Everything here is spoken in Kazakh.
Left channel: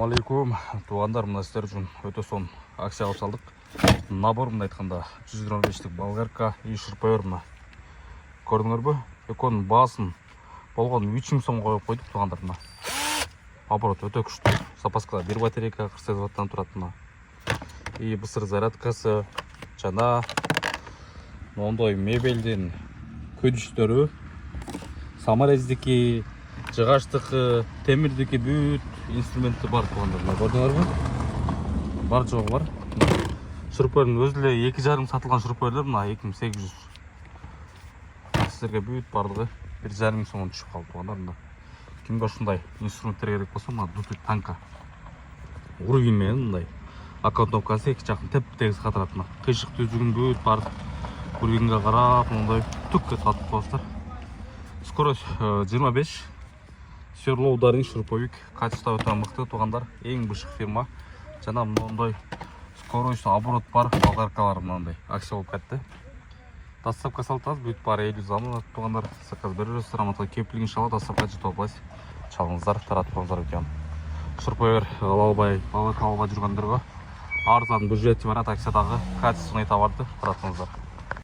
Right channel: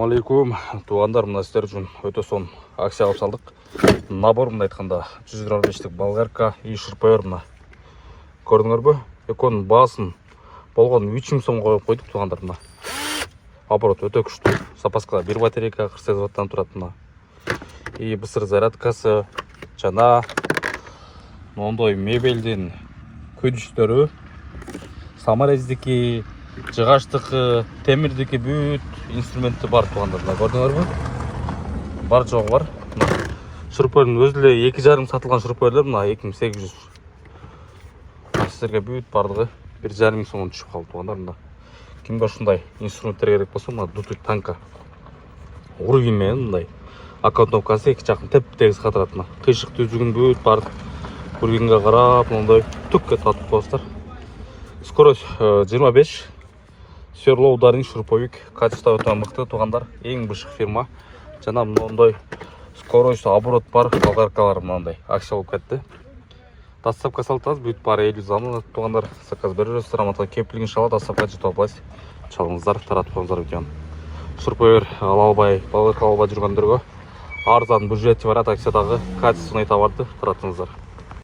Алейкум, туғандар, мына сіздер үшін өте сон акция алып салдық. Набор, мына айтқанда 125-тік болгарка и шурпайыр мына. Көрдіңдер бе? Еконның басын болған 3 сом қойып қойдық туғандар мына. Оборот өте күшті. Запаскада бір батарейка 48 ваттан тұрады мына. И бысыр зарядкасы, жана ондай мебелден көдіштері, саморездікі, жығаштықы, темірдікі бүт инструменті бар туғандар. Көрдіңдер бе? Бар жоғы бар. Шурпайырдың өзіле 2,5 сатылған шурпайырлар мына 2800. Сіздерге бүт барлығы 1,5 сомнан түшіп қалды туғандар. Кімге осындай инструменттер керек болса, мына дутуй танка. Уровеньмен мындай. Аккаунтовкасы 2 жақын теп-тегіс қатырады. Қишық түзігін бүт барды. Уровеньге қарап, мындай түкке татып қойсыздар. Скорость 25. Сверло ударный шуруповик. Качество өте мықты туғандар. Ең бышық фирма. Жана мындай скорость оборот бар болгаркалар мындай акция болып кетті. Доставка салтаз бүт бар 50 заман туғандар. Заказ бересіздер, аматқа кептілігін шалады, доставка жетіп аласыз. Çalыңыздар, таратып қойыңыздар видеоны. Шурпайыр алалбай, болгарка алалбай жүргендерге арзан бюджеті бар акциядағы качественный товарды таратыңыздар.